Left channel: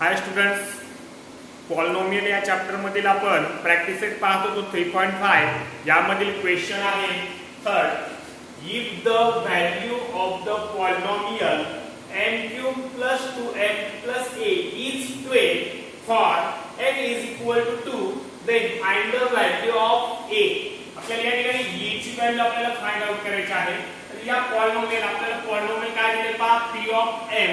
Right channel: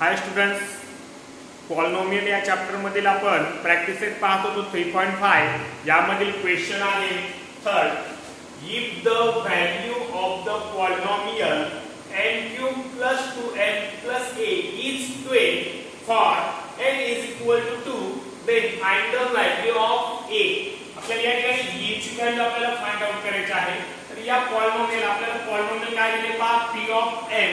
हाय students, polynomial या chapter मधील आपण प्रॅक्टिस सेट पाहत होतो 3.5 यामधील क्वेश्चन आहे third if the value of the polynomial n³ + 2n + a is 12 for n is equal to 2 then find the value of a. आपल्याला या ठिकाणी a ची व्हॅल्यू आपल्याला फाइंड आउट करायची आहे. तर या पॉलिनॉमियल आपल्याला पॉलिनॉमियल काय दिले पहा p ऑफ m.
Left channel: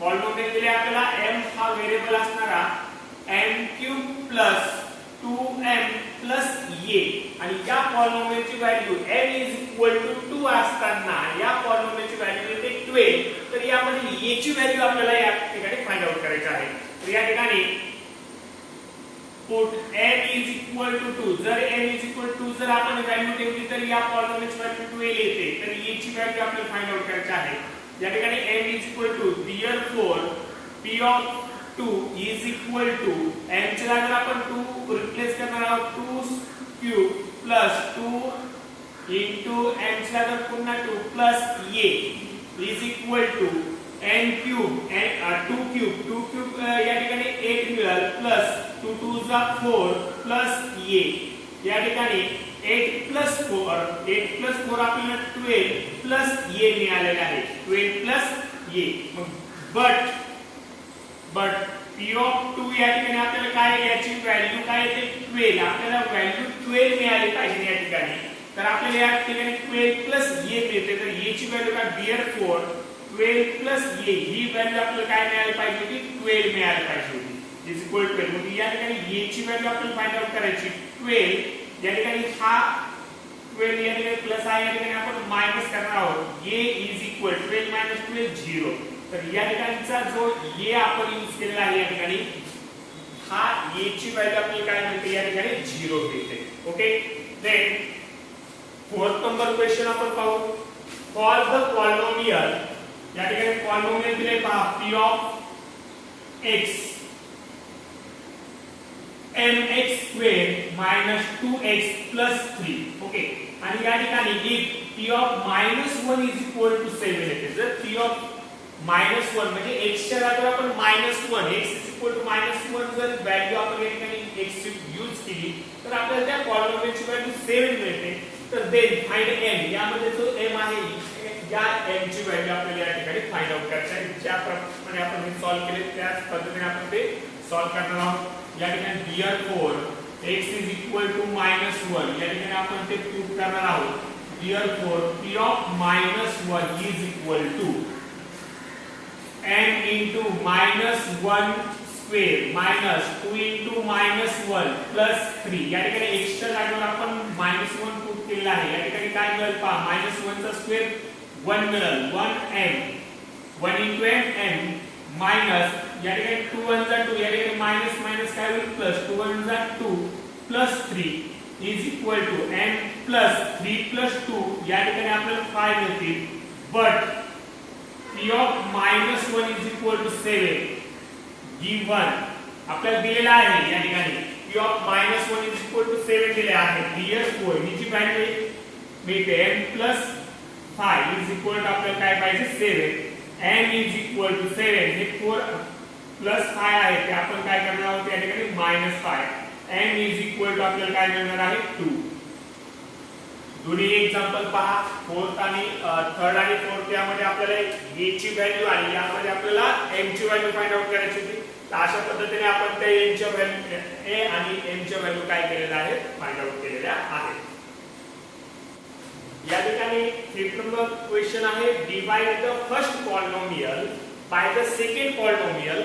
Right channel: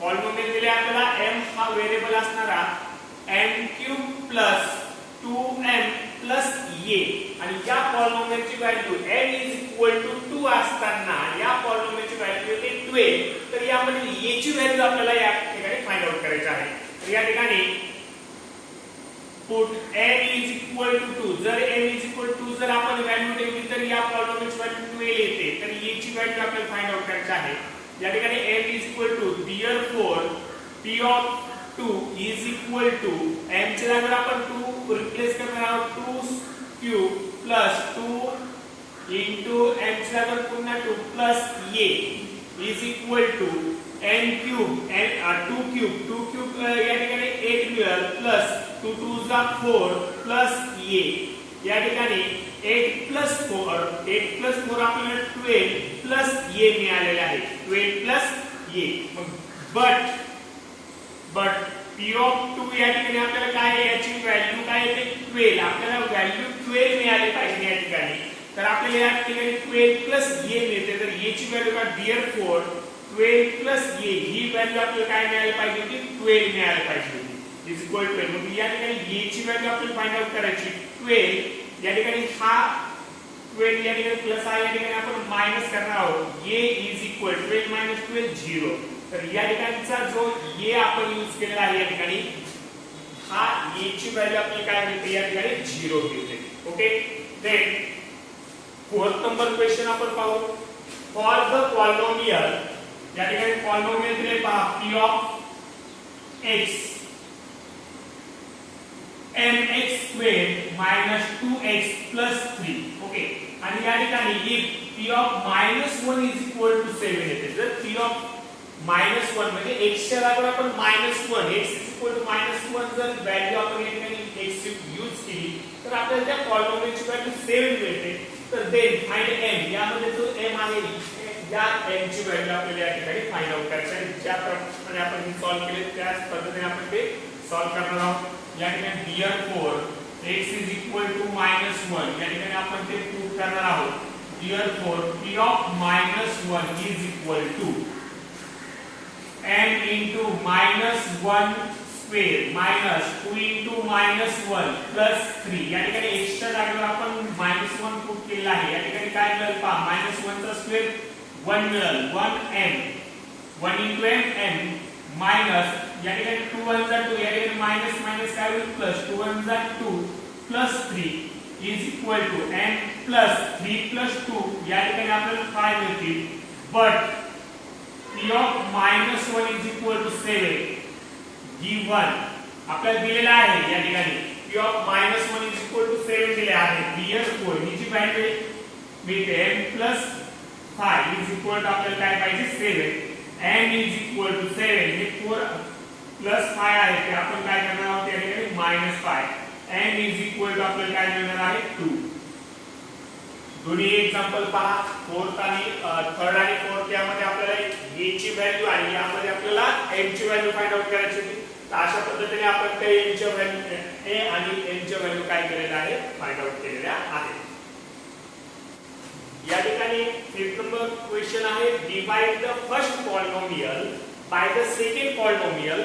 पॉलिनॉमियल दिले आपल्याला m हा व्हेरिएबल असणारा n³ + 2m + a आणि या पॉलिनॉमियलची व्हॅल्यू n = 2 असताना या पॉलिनॉमियलची व्हॅल्यू येते 12. तर यामध्ये a ची व्हॅल्यू आपल्याला या ठिकाणी फाइंड आउट करायची आहे. तर या ठिकाणी पुट n = 2. जर n = 2 जर आपण व्हॅल्यू ठेवली तर या पॉलिनॉमियलची व्हॅल्यू 12 येते. तर a ची व्हॅल्यू आपल्याला फाइंड आउट करायची आहे. या ठिकाणी n = therefore p of 2 is equal to n च्या जागी आपण 2 रिप्लेस करणार आहोत 2³ + 2 into n च्या जागी पुन्हा 2 plus a is equal to n³ n 2³ या ठिकाणी 8 मिळेल प्लस 2 2 जा 4 plus a. या ठिकाणी 8 + 4 आपल्याला 12 plus a मिळालेले आहे. 12 plus a. मग but p of 2 या ठिकाणी आपल्याला काय आहे याची व्हॅल्यू काय येते 12. आपल्याला व्हॅल्यू 12 मिळाली पाहिजे या ठिकाणी. तर आपल्याला या ठिकाणी 12 plus a मिळते. तर a ची व्हॅल्यू काय therefore 12 plus a he value आपल्याला काय मिळाली पाहिजे की 12 मिळाली पाहिजे इज इक्वल टू 12. मग या ठिकाणी a ची व्हॅल्यू आपल्याला फाइंड आउट करायची 12. या ठिकाणी हा 12 या ठिकाणी प्लस आहे या ठिकाणी आपण मायनस करणार आहोत. a is equal 12 - 12 0. तर या ठिकाणचा जो a आपण यूज केलेला आहे या ठिकाणी हा a ची व्हॅल्यू आपल्याला काय मिळते या ठिकाणी 0 मिळते. Okay. Then fourth number question आपण पाहू. फॉर द पॉलिनॉमियल या ठिकाणी पॉलिनॉमियल दिले पहा p of x mx² - 2x + 3. Okay. आणि या ठिकाणी if p of -1 is equal to 7 येते. जर p of -1 म्हणजे x च्या जागी आपण -1 x = -1 जर व्हॅल्यू आपण या ठिकाणी x ची यूज केली तर आपल्याला त्या पॉलिनॉमियलची व्हॅल्यू 7 मिळते. तर देन फाइंड m. यामध्ये जो m आहे या m ची व्हॅल्यू आपल्याला या ठिकाणी फाइंड आउट करायची आहे. ज्या प्रमाणे आपण हे सॉल्व केले त्याच पद्धतीने आपण ते सॉल्व करणार आहोत. या ठिकाणी therefore x = -1 या ठिकाणी आपण ते प्रूव्ह करणार आहोत. therefore p of -1 is equal to m into -1² minus 2 into -1 plus 3. या ठिकाणी x च्या जागेवर आपण -1 पुट केलेला आहे. या ठिकाणी काय मिळेल पहा -1 चा स्क्वेअर 1 मिळेल 1m 1 into m minus या ठिकाणी 2 1 जा 2 या ठिकाणी मायनस मायनस काय होईल प्लस 2 1 जा 2 plus 3 is equal to m plus 3 plus 2 या ठिकाणी आपल्याला 5 मिळतील. but p of -1 is equal to 7 given आपल्याला दिलेला आहे. या ठिकाणी p of -1 is equal to 7 दिले आहे. therefore हिची व्हॅल्यू मिळते m plus 5 is equal to आपल्याला काय पाहिजे 7. m is equal to 7 हे 4 plus 5 आहे ते आपण काय करणार आहोत या ठिकाणी -5. m is equal to आपल्याला काय मिळणार आहे 2. दोन्ही एक्झाम्पल पहा. फोर्थ आणि थर्ड आणि फोर्थ यामध्ये आपल्याला a ची व्हॅल्यू आणि यामध्ये आपल्याला m ची व्हॅल्यू फाइंड आउट करायची होती. तर अशा पद्धतीने आपण त्या m च्या व्हॅल्यू a आणि m च्या व्हॅल्यू काय केलेल्या आहे फाइंड आउट केलेल्या आहेत. या ठिकाणी फिफ्थ नंबर क्वेश्चन आहे divide the first polynomial by the second polynomial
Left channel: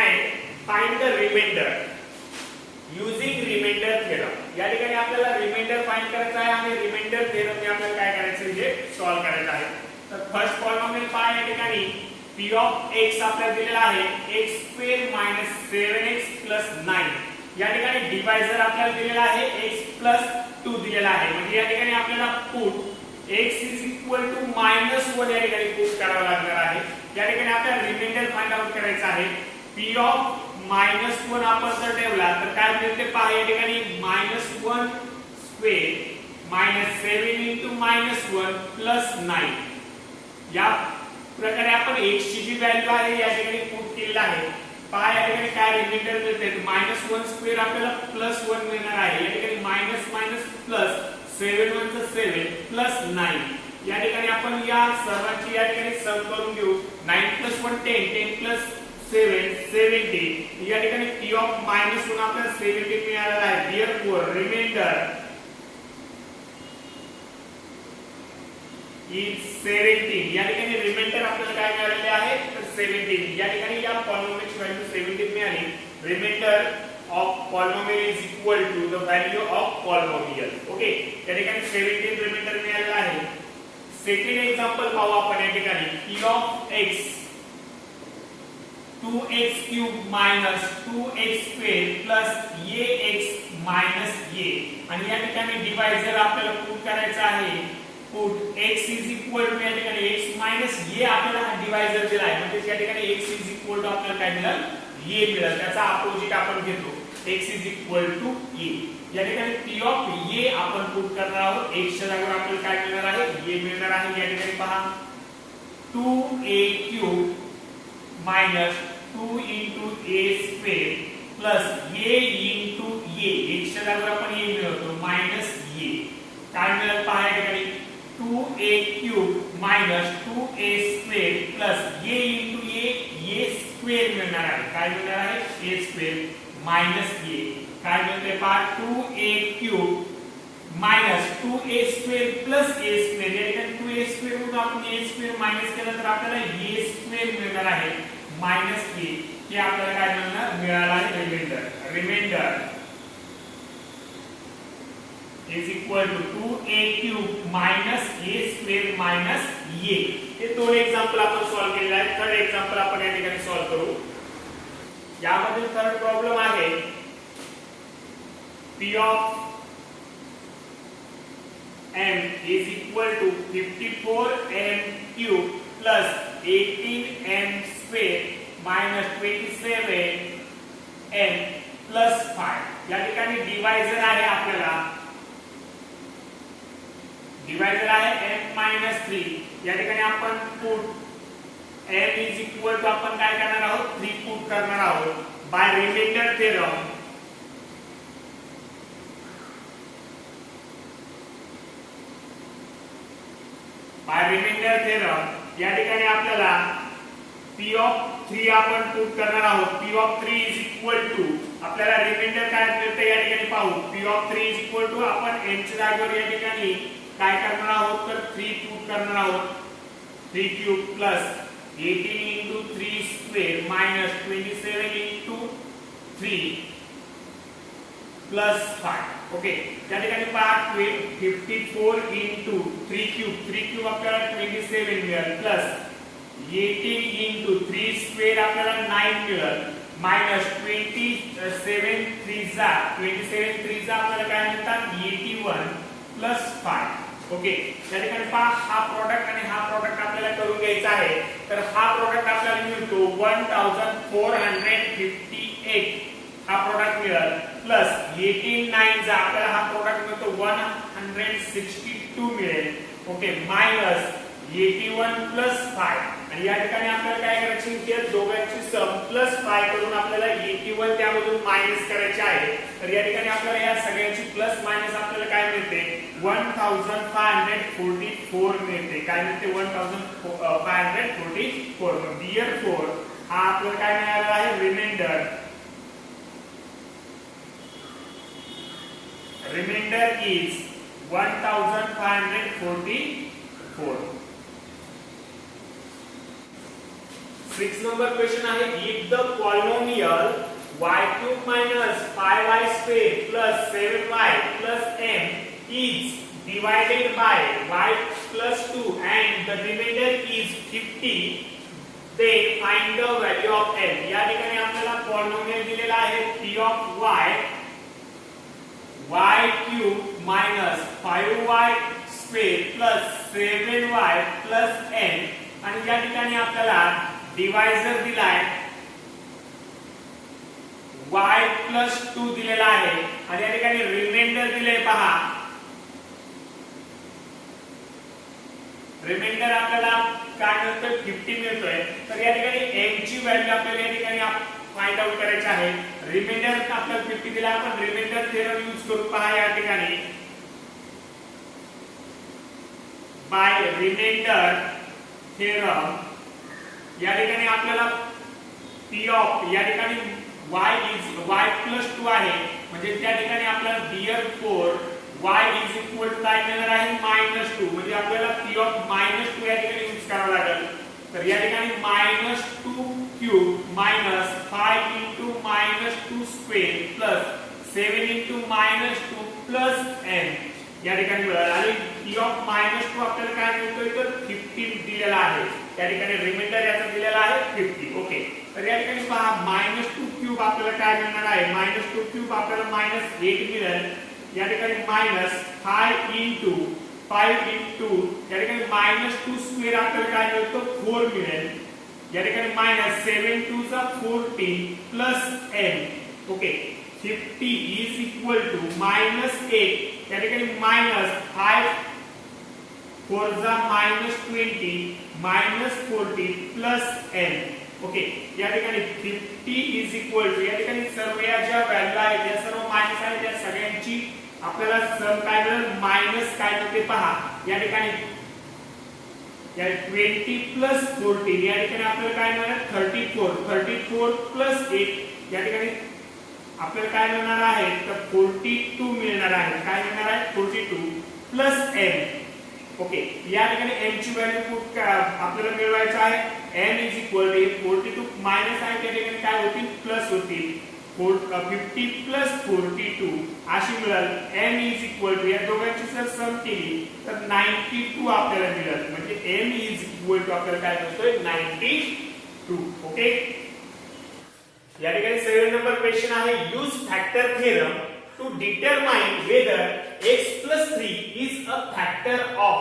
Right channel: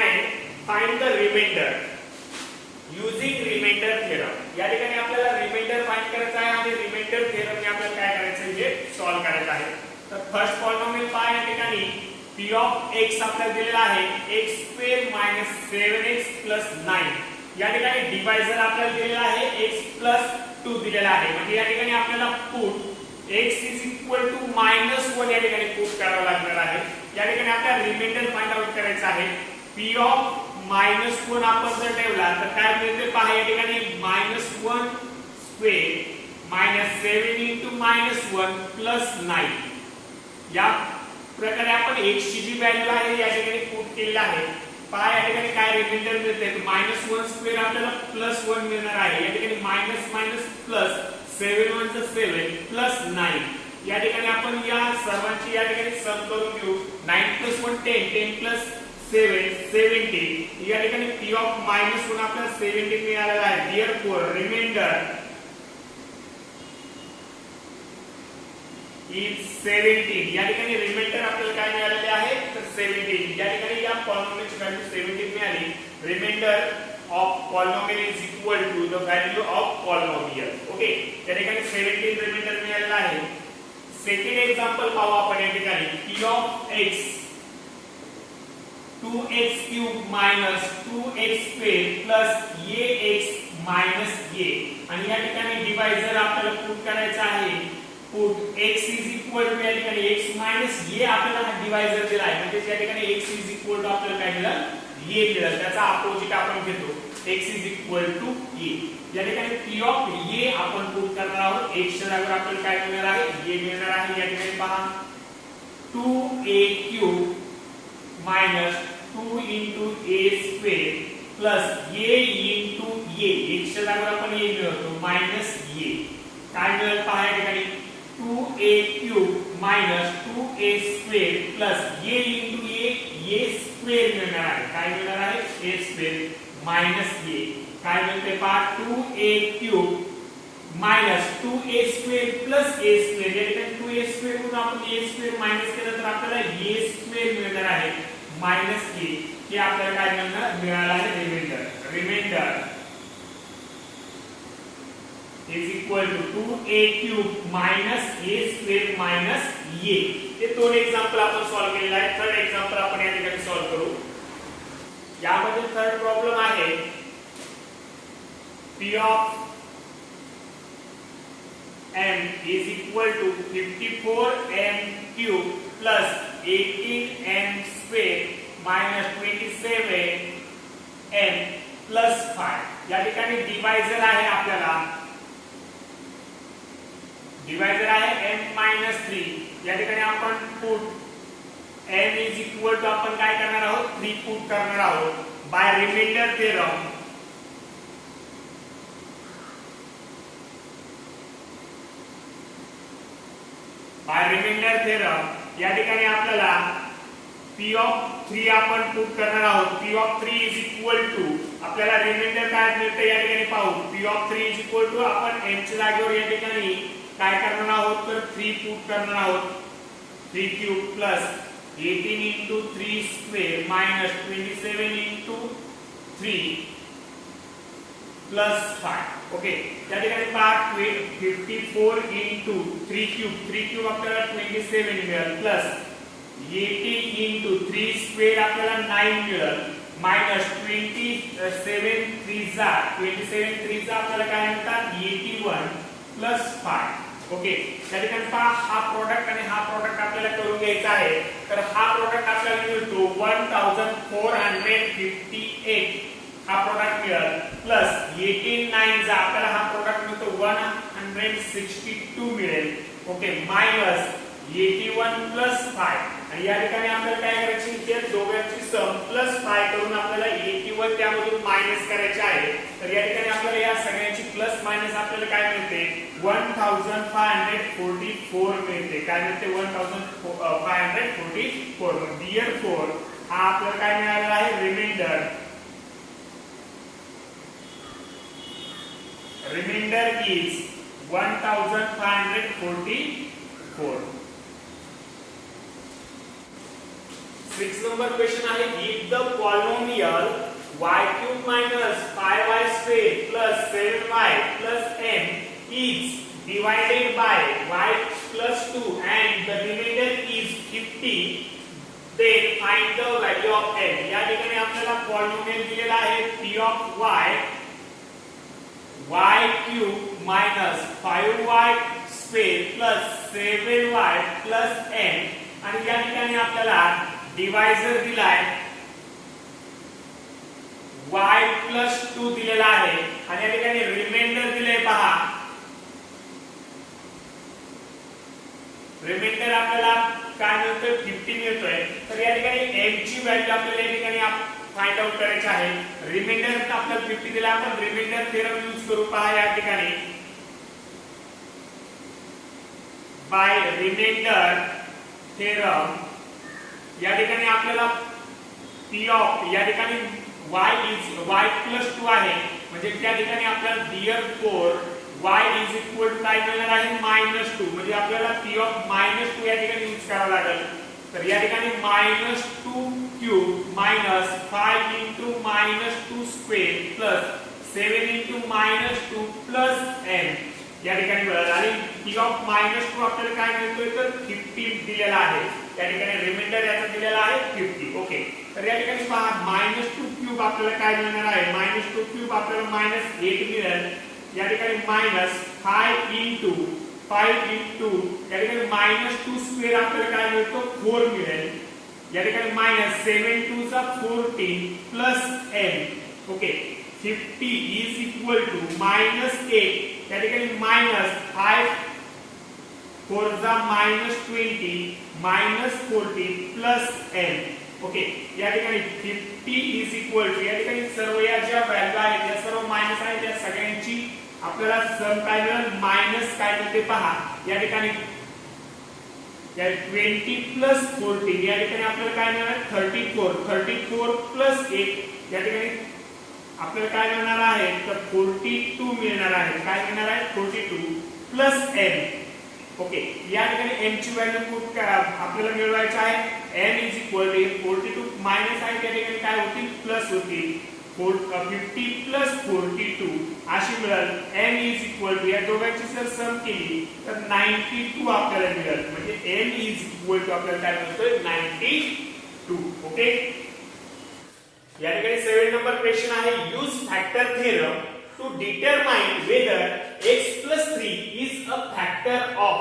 and find the remainder using remainder theorem. या ठिकाणी आपल्याला रिमाइंडर फाइंड करायचा आहे आणि रिमाइंडर थेरम आपल्याला काय करायचं आहे हे सॉल्व करायचं आहे. तर फर्स्ट पॉलिनॉमियल पहा या ठिकाणी p of x आपल्याला दिलेला आहे x² - 7x + 9. या ठिकाणी डिवायझर आपल्याला दिलेला आहे x + 2 दिलेला आहे. म्हणजे या ठिकाणी आपल्याला पुट x = -1 या ठिकाणी पुट करावं लागणार आहे. या ठिकाणी आपल्याला रिमाइंडर फाइंड आउट करायचा आहे. p of -1 आपण जर ठेवला तर काय मिळते पहा या ठिकाणी -1² - 7 into -1 plus 9. या प्रकारे आपण x ची जी व्हॅल्यू आहे या ठिकाणी पुट केलेली आहे. पहा या ठिकाणी काय रिमाइंडर मिळते -1 स्क्वेअर आपल्याला +1 मिळणार आहे. या ठिकाणी मायनस मायनस प्लस 7 1 चा 7 प्लस 9. या ठिकाणी आपण या सर्वांची या ठिकाणी सम करून घेऊ. 9 + 1 10 10 + 7 70. या ठिकाणी p ऑफ -1 आपल्याला 70 मिळालेला आहे. Therefore remainder is 17. या ठिकाणी रिमाइंडर आपल्याला काय मिळालेले आहे तर 17. या ठिकाणी या पॉलिनॉमियलची व्हॅल्यू 17 मिळाली. Remainder of polynomial is equal to the value of polynomial. Okay, त्या ठिकाणी 17 रिमाइंडर मिळालेला आहे. सेकंड एक्झाम्पल पाहू आपण. या ठिकाणी p of x 2x³ minus 2x² plus ax minus a. आणि या ठिकाणी डिवायझर आपल्याला पुट करायचा आहे. Put x is equal to या ठिकाणी x minus a आपल्याला हा डिवायझर दिला आहे. म्हणजे या ठिकाणी x is equal to आपल्याला काय मिळेल a मिळेल. त्याचा अपोजिट आपण घेतो x is equal to a. या ठिकाणी p ऑफ a आपण पुट करणार आहोत. x च्या जागेवर आपल्याला काय मिळणार आहे a मिळणार आहे. या ठिकाणी पहा 2a³ minus 2 into a² plus a into a. x च्या जागेवर आपण a मिळवतो minus a. काय मिळेल पहा या ठिकाणी 2a³ minus 2a² plus a into a² मिळणार आहे. काय मिळणार आहे a² minus a. काय मिळते पहा 2a³ minus 2a² plus a². या ठिकाणी 2a² मधून आपण a² मायनस केलं तर आपल्याला a² मिळणार आहे मायनस a. हे आपल्याला काय मिळालं आहे reminder is equal to 2a³ minus a² minus a. हे दोन एक्झाम्पल आपण सॉल्व्ह केले आहे. थर्ड एक्झाम्पल आपण या ठिकाणी सॉल्व्ह करू. यामध्ये थर्ड प्रॉब्लेम आहे p of m is equal to 54m³ plus 18m² minus 27m plus 5. या ठिकाणी डिवायझर आहे आपल्याला डिवायझर आहे m-3. या ठिकाणी आपण put m is equal to आपण काय करणार आहोत 3 पुट करणार आहोत by remainder theorem. By remainder theorem या ठिकाणी आपल्याला p ऑफ 3 आपण पुट करणार आहोत. p of 3 is equal to आपल्याला रिमाइंडर काय मिळते या ठिकाणी पाहू. p of 3 is equal to आपण m च्या जागेवर या ठिकाणी काय करणार आहोत तर 3 पुट करणार आहोत. 3³ plus 18 into 3² minus 27 into 3 plus 5. Okay, त्या ठिकाणी पहा 54 into 3³ आपल्याला 27 मिळेल प्लस 18 into 3² आपल्याला 9 मिळेल मायनस 27 3 आपल्याला काय म्हणतात 81 प्लस 5. ओके, त्या ठिकाणी पहा हा प्रोडक्ट आणि हा प्रोडक्ट आपल्याला करून घ्यायचा आहे. तर हा प्रोडक्ट आपल्याला मिळतो 1458. हा प्रोडक्ट मिळेल प्लस 18 9 आपल्याला हा प्रोडक्ट मिळतो 162 मिळेल. Okay, minus 81 plus 5. आणि या ठिकाणी आपल्याला काय करायची इथे दोघांची सम प्लस 5 करून आपल्याला 81 त्यामधून मायनस करायचे आहे. तर या ठिकाणी आपल्याला या सगळ्यांची प्लस मायनस आपल्याला काय मिळते 1544 मिळते. काय मिळते 1544. Therefore हा आपल्याला काय मिळालेला आहे रिमाइंडर इज 1544. 6 number question आहे if the polynomial y³ minus 5y² plus 7y plus m is divided by y plus 2 and the remainder is 50, then find the value of m. या ठिकाणी आपल्याला पॉलिनॉमियल दिलेला आहे p of y³ minus 5y² plus 7y plus m. आणि या ठिकाणी आपल्याला divisor दिलाय y plus 2 दिलेला आहे आणि या ठिकाणी रिमाइंडर दिले पहा. आपल्याला काय मिळतोय 50 मिळतोय. तर या ठिकाणी m ची व्हॅल्यू आपल्याला या ठिकाणी फाइंड आउट करायचे आहे. रिमाइंडर आपल्याला 50 दिला, आपण रिमाइंडर थेरम यूज करू. पहा या ठिकाणी बाय रिमाइंडर थेरम या ठिकाणी आपल्याला p ऑफ या ठिकाणी y प्लस 2 आहे, म्हणजे त्या ठिकाणी आपल्याला therefore y is equal to काय मिळणार आहे -2, म्हणजे आपल्याला p ऑफ -2 या ठिकाणी यूज करावा लागेल. तर या ठिकाणी -2 cube minus 5 into -2 square plus 7 into -2 plus n या ठिकाणी मिळालं. आणि p ऑफ -2 आपल्याला काय मिळतोय तर 50 दिलेला आहे. त्या ठिकाणी रिमाइंडर याचा दिलेला आहे 50. ओके, तर या ठिकाणी पहा -2 क्यूब आपल्याला काय मिळणार आहे, -2 क्यूब आपल्याला -8 मिळेल. या ठिकाणी -5 इंटू 5 इंटू या ठिकाणी -2 स्क्वेअर आपल्याला काय मिळतो 4 मिळेल. या ठिकाणी -7 2 चा 14 plus n. Okay, 50 is equal to -8 या ठिकाणी -5 4 चा -20 -40 प्लस n. ओके, या ठिकाणी 50 इज इक्वल टू या ठिकाणी सर्व या ज्या व्हॅल्यू आहेत या सर्व मायनस आहेत, त्या सगळ्यांची आपल्याला सम काय मिळेल मायनस काय मिळते पहा. या ठिकाणी या 20 प्लस 14 या ठिकाणी आपल्याला काय मिळणार 34 प्लस 8 या ठिकाणी आपल्याला काय मिळणार आहे तर 42 मिळणार आहे. काय मिळणार आहे 42 प्लस n. ओके, या ठिकाणी n ची व्हॅल्यू पुट आपल्याला मिळवायची आहे. n is equal to 42 minus आहे त्या ठिकाणी काय होतील प्लस होतील. 50 प्लस 42 अशी मिळेल. n इज इक्वल टू या दोघांची जर सम केली तर 92 आपल्याला मिळेल, म्हणजे n इज इक्वल टू आपल्याला काय मिळतोय 92. ओके, या ठिकाणी 7 नंबर क्वेश्चन आहे use factor theorem to determine whether x plus 3 is a factor of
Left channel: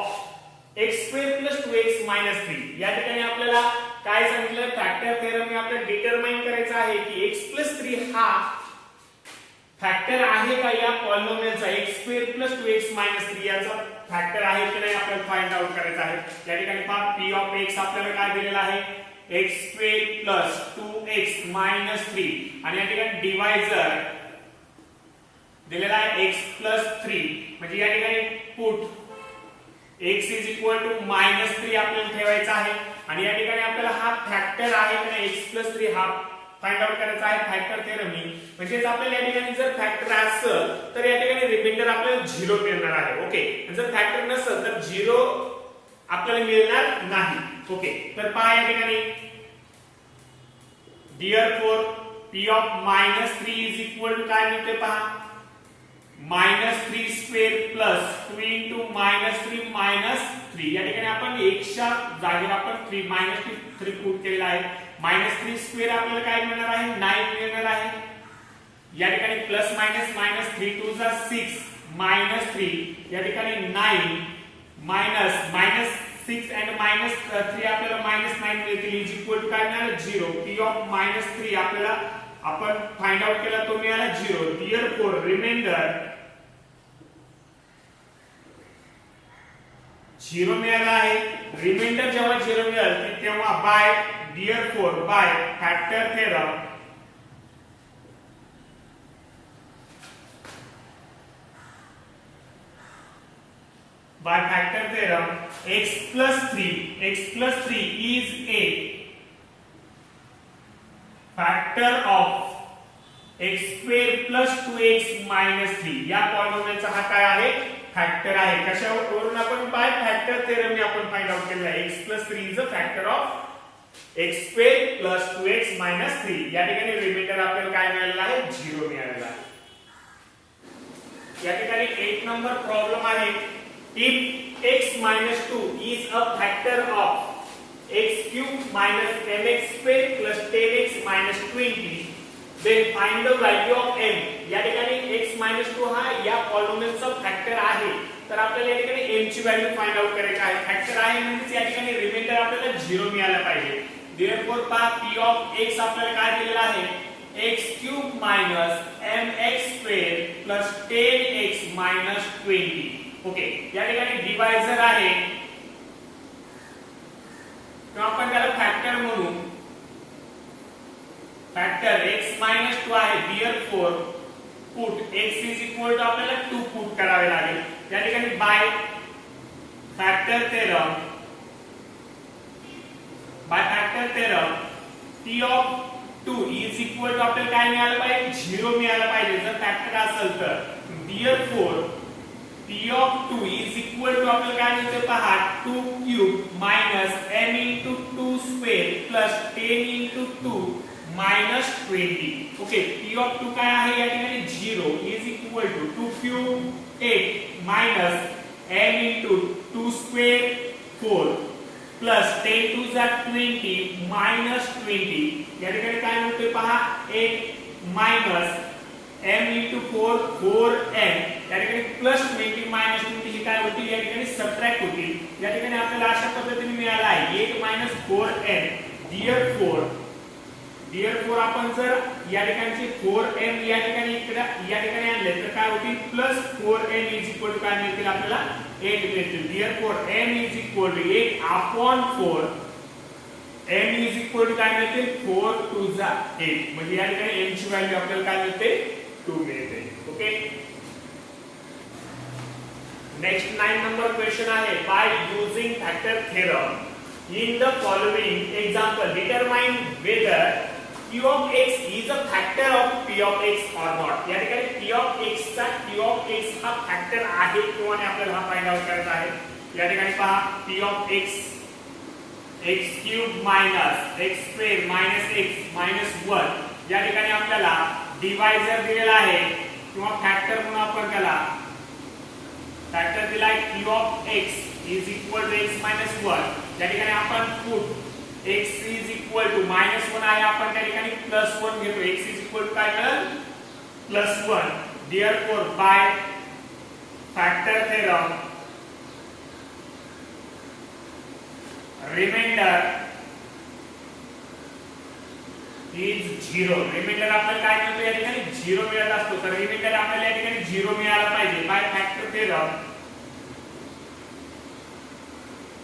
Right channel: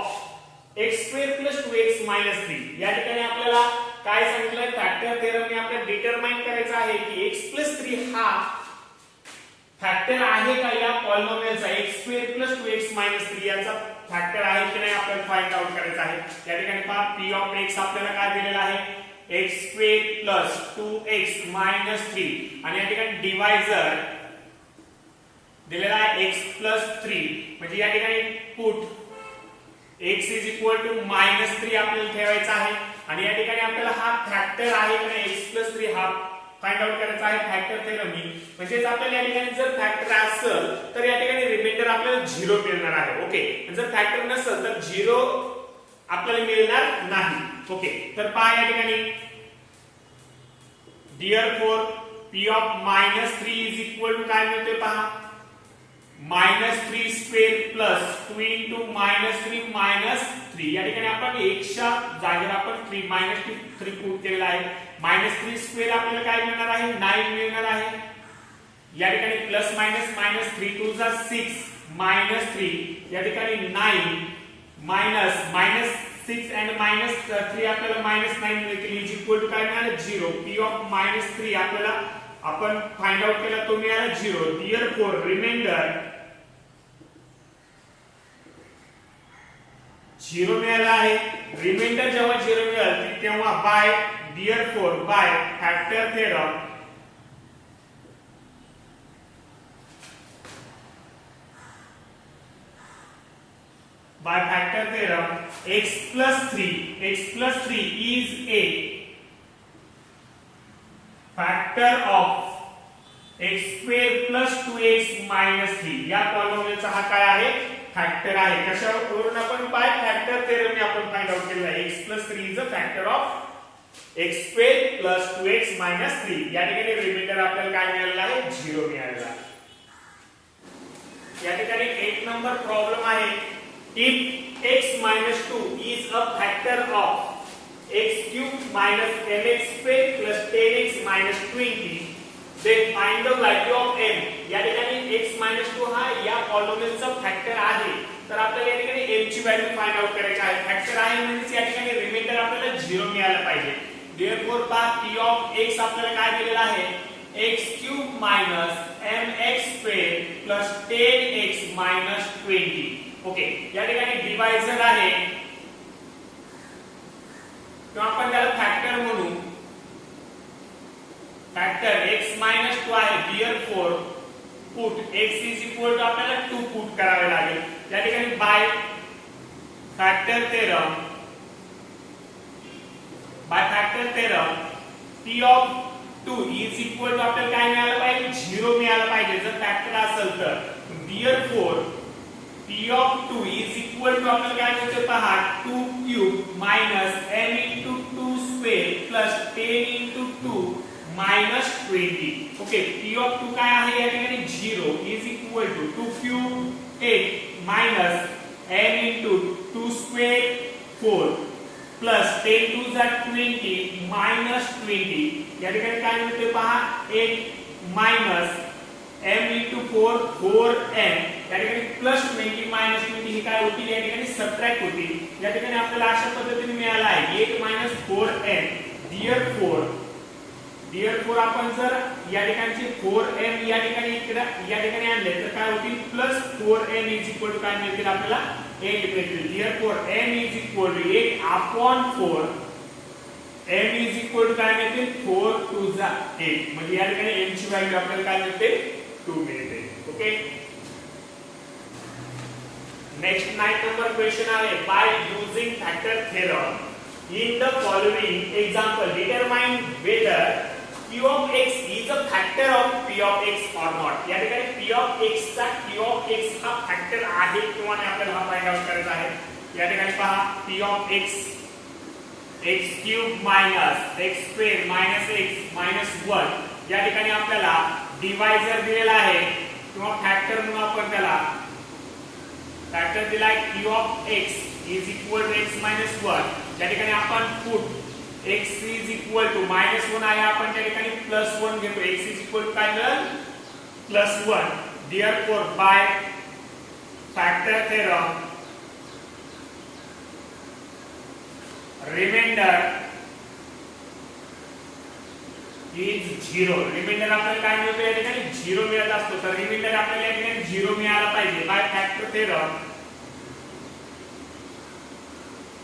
x square plus 2x minus 3. या ठिकाणी आपल्याला काय सांगितलं फॅक्टर थेरमने आपल्याला डिटरमाइन करायचं आहे की x plus 3 हा फॅक्टर आहे का या पॉलिनोमियलचा x square plus 2x minus 3 याचा फॅक्टर आहे की नाही आपल्याला फाइंड आउट करायचं आहे. या ठिकाणी पहा p of x आपल्याला काय दिलेला आहे x square plus 2x minus 3 आणि या ठिकाणी डिवायझर दिलेला आहे x plus 3, म्हणजे या ठिकाणी put x is equal to -3 आपल्याला ठेवायचा आहे. आणि या ठिकाणी आपल्याला हा फॅक्टर आहे की नाही x plus 3 हा फाइंड आउट करायचा आहे फॅक्टर थेरमनी. म्हणजेच आपल्याला या ठिकाणी जर फॅक्टर असेल तर या ठिकाणी रिमाइंडर आपल्याला 0 मिळणार आहे. ओके, जर फॅक्टर नसेल तर 0 आपल्याला मिळणार नाही. ओके, तर पहा या ठिकाणी therefore p of -3 is equal to काय मिळते पहा -3 स्क्वेअर प्लस 2 इंटू -3 -3. या ठिकाणी आपण एकच्या जागेवर आपण 3 पुट केलेला आहे. -3 स्क्वेअर आपल्याला काय मिळणार आहे 9 मिळणार आहे. या ठिकाणी प्लस मायनस -3 2 जा 6 -3 या ठिकाणी 9 -6 and -3 आपल्याला -9 मिळतील इज इक्वल टू काय मिळालं 0. p of -3 आपल्याला आपण फाइंड आउट केला तो मिळाला 0. therefore रिमाइंडर 0 मिळाला आहे. रिमाइंडर जेव्हा 0 मिळेल तेव्हा by therefore by factor theorem x plus 3 is a factor of x square plus 2x minus 3. या पॉलिनोमियलचा हा काय आहे फॅक्टर आहे. कशावरून आपण बाय फॅक्टर थेरमने आपण फाइंड आउट केलेला आहे x plus 3 is a factor of x square plus 2x minus 3. या ठिकाणी रिमाइंडर आपल्याला काय मिळालेला आहे 0 मिळालेला आहे. या ठिकाणी 1 नंबर प्रॉब्लेम आहे if x minus 2 is a factor of x cube minus mx square plus 10x minus 20 then find the value of m. या ठिकाणी x minus 2 हा या पॉलिनोमियलचा फॅक्टर आहे, तर आपल्याला या ठिकाणी m ची व्हॅल्यू फाइंड आउट करायची आहे. फॅक्टर आहे म्हणजे या ठिकाणी रिमाइंडर आपल्याला 0 मिळाला पाहिजे. therefore p of x आपल्याला काय दिलेला आहे x cube minus mx square plus 10x minus 20. Okay, या ठिकाणी डिवायझर आहे तर आपण त्याला फॅक्टर म्हणू. फॅक्टर x मायनस 2 आहे, therefore put x is equal to आपल्याला 2 पुट करावे लागेल. या ठिकाणी by factor theorem p of 2 is equal to आपल्याला काय मिळालं पाहिजे, 0 मिळालं पाहिजे जर फॅक्टर असेल तर. therefore p of 2 is equal to आपल्याला काय मिळते पहा, 2 cube minus n into 2 square plus 10 into 2 minus 20. Okay, p of 2 काय आहे या ठिकाणी 0 is equal to 2 cube 8 minus n into 2 square 4 plus 10 two जा 20 मायनस 20. या ठिकाणी काय होते पहा, 8 मायनस m into 4 4m. या ठिकाणी प्लस 20 मायनस 20 ही काय होती, या ठिकाणी सबट्रॅक्ट होती. या ठिकाणी आपल्याला अशा पद्धतीने मिळाला आहे 8 मायनस 4m. therefore आपण जर या ठिकाणी 4m या ठिकाणी आणले तर काय होतील, plus 4m is equal to काय मिळतील आपल्याला 8 मिळतील. therefore m is equal to 8 upon 4. m is equal to काय मिळतील, 4 टू जा 8. म्हणजे या ठिकाणी m ची व्हॅल्यू आपल्याला काय मिळते, 2 मिळते. ओके, नेक्स्ट 9 नंबर क्वेश्चन आहे, by using factor theorem in the following example determine whether p of x is a factor of p of x or not. या ठिकाणी p of x चा q of x हा factor आहे किंवा नाही आपल्याला हा फाइंड आउट करायचा आहे. या ठिकाणी पहा p of x x cube minus x square minus x minus 1. या ठिकाणी आपल्याला डिवायझर दिलेला आहे किंवा फॅक्टर म्हणून आपण त्याला फॅक्टर दिला आहे q of x is equal to x minus 1. या ठिकाणी आपण put x is equal to -1 आहे, आपण त्या ठिकाणी +1 घेतो. x is equal to काय मिळेल, +1. therefore by factor theorem remainder is 0. Reminder आपल्याला काय मिळतो, या ठिकाणी 0 मिळत असतो. तर रिमाइंडर आपल्याला या ठिकाणी 0 मिळाला पाहिजे. By factor theorem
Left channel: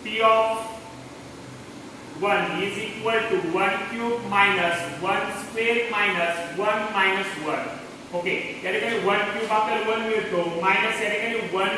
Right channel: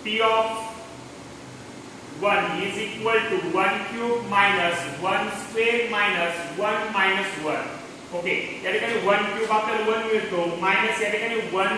p of 1 is equal to 1 cube minus 1 square minus 1 minus 1. Okay, या ठिकाणी 1 क्यूब आपल्याला 1 मिळतो, मायनस या ठिकाणी 1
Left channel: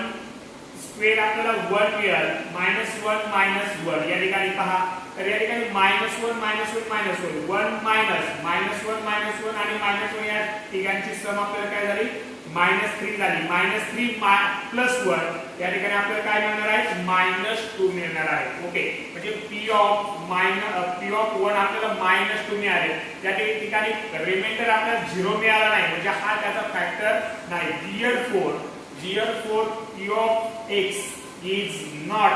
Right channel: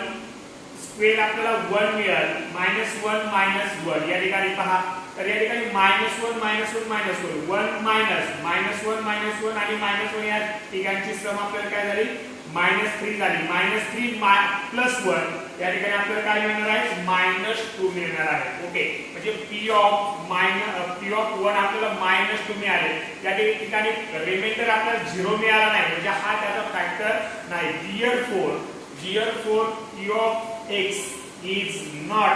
स्क्वेअर आपल्याला 1 मिळेल, -1 -1. या ठिकाणी पहा, तर या ठिकाणी -1 -1 -1 1 मायनस -1 -1 आणि -1 या ठिकाणची सम आपल्याला काय झाली, -3 झाली. -3 प्लस 1 या ठिकाणी आपल्याला काय मिळणार आहे, -2 मिळणार आहे. ओके, म्हणजे p ऑफ 1 आपल्याला -2 मिळाले. या ठिकाणी रिमाइंडर आपल्याला 0 मिळाला नाही, म्हणजे हा त्याचा फॅक्टर नाही. therefore p of x is not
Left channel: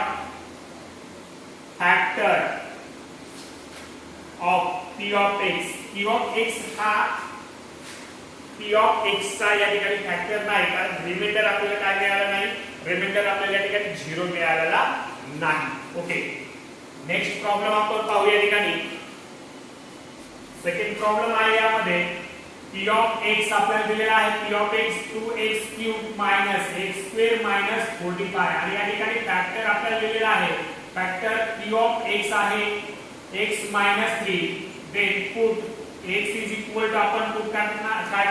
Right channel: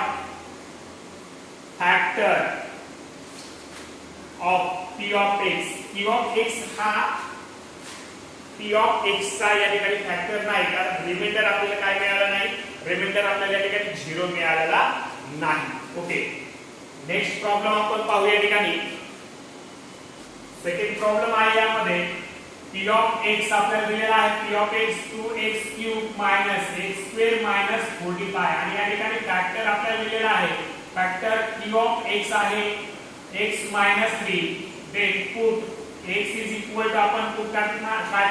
factor of p of x. p of x हा p of x चा या ठिकाणी फॅक्टर नाही, कारण रिमाइंडर आपल्याला काय मिळालं नाही, रिमाइंडर आपल्याला या ठिकाणी 0 मिळालेला नाही. ओके, नेक्स्ट प्रॉब्लेम आपण पाहूया. या ठिकाणी सेकंड प्रॉब्लेम आहे, यामध्ये p of x आपल्याला दिलेला आहे, p of x 2x cube minus x square minus 45. आणि या ठिकाणी फॅक्टर आपल्याला दिलेला आहे, फॅक्टर p of x आहे x minus 3. Then put x is equal to आपण पुट काय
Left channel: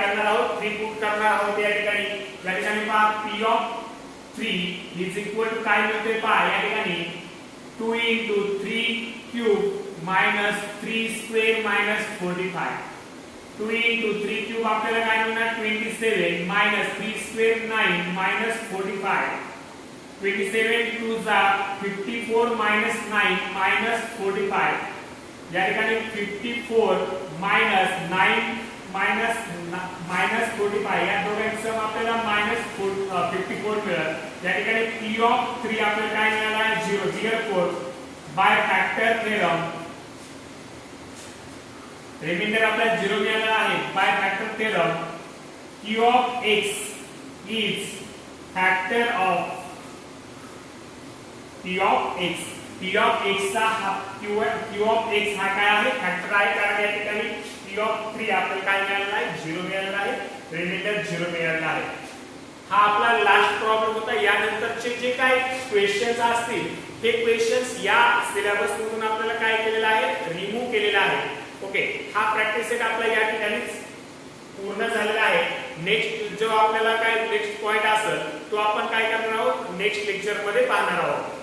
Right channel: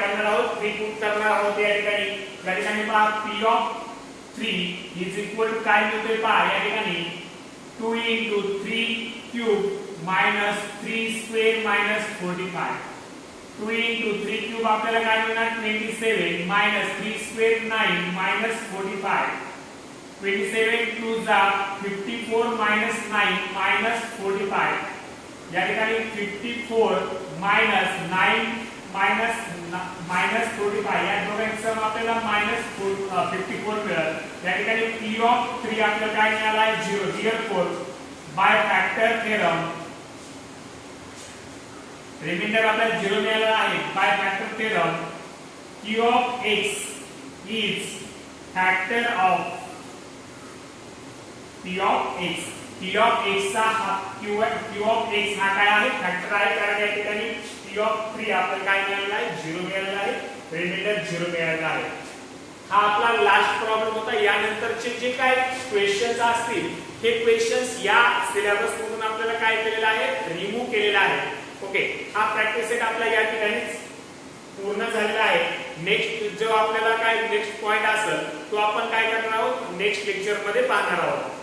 करणार आहोत, 3 पुट करणार आहोत. या ठिकाणी पहा p of 3 is equal to काय मिळते पहा, या ठिकाणी 2 into 3 cube minus 3 square minus 45. 2 into 3 cube आपल्याला काय मिळणार, 27 मायनस 3 स्क्वेअर 9 मायनस 45. 27 2 जा 54 मायनस 9 मायनस 45. या ठिकाणी 54 मायनस 9 मायनस 45 या दोघांची सम आपल्याला -54 मिळेल. या ठिकाणी p of 3 आपल्याला काय मिळाला आहे, 0. therefore by factor theorem remainder आपल्याला 0 मिळाला आहे. By factor theorem q of x is factor of p of x. p of x चा q of x हा काय आहे, फॅक्टर आहे, कारण या ठिकाणी p of 3 आपल्याला काय मिळालेला आहे, 0 मिळालेला आहे, रिमाइंडर 0 मिळालेला आहे. हा आपला लास्ट प्रॉब्लेम होता. यानंतरचे जे काय क्वेश्चन्स असतील ते क्वेश्चन्स या सिलेबस मधून आपल्याला काय केलेलं आहे, रिमूव्ह केलेलं आहे. ओके, हा प्रॅक्टिस सेट आपला या ठिकाणी पूर्ण झालेला आहे. नेक्स्ट जो आपल्याला काय नेक्स्ट पॉइंट असेल तो आपण काय करणार आहोत नेक्स्ट लेक्चर मध्ये पाहणार आहोत.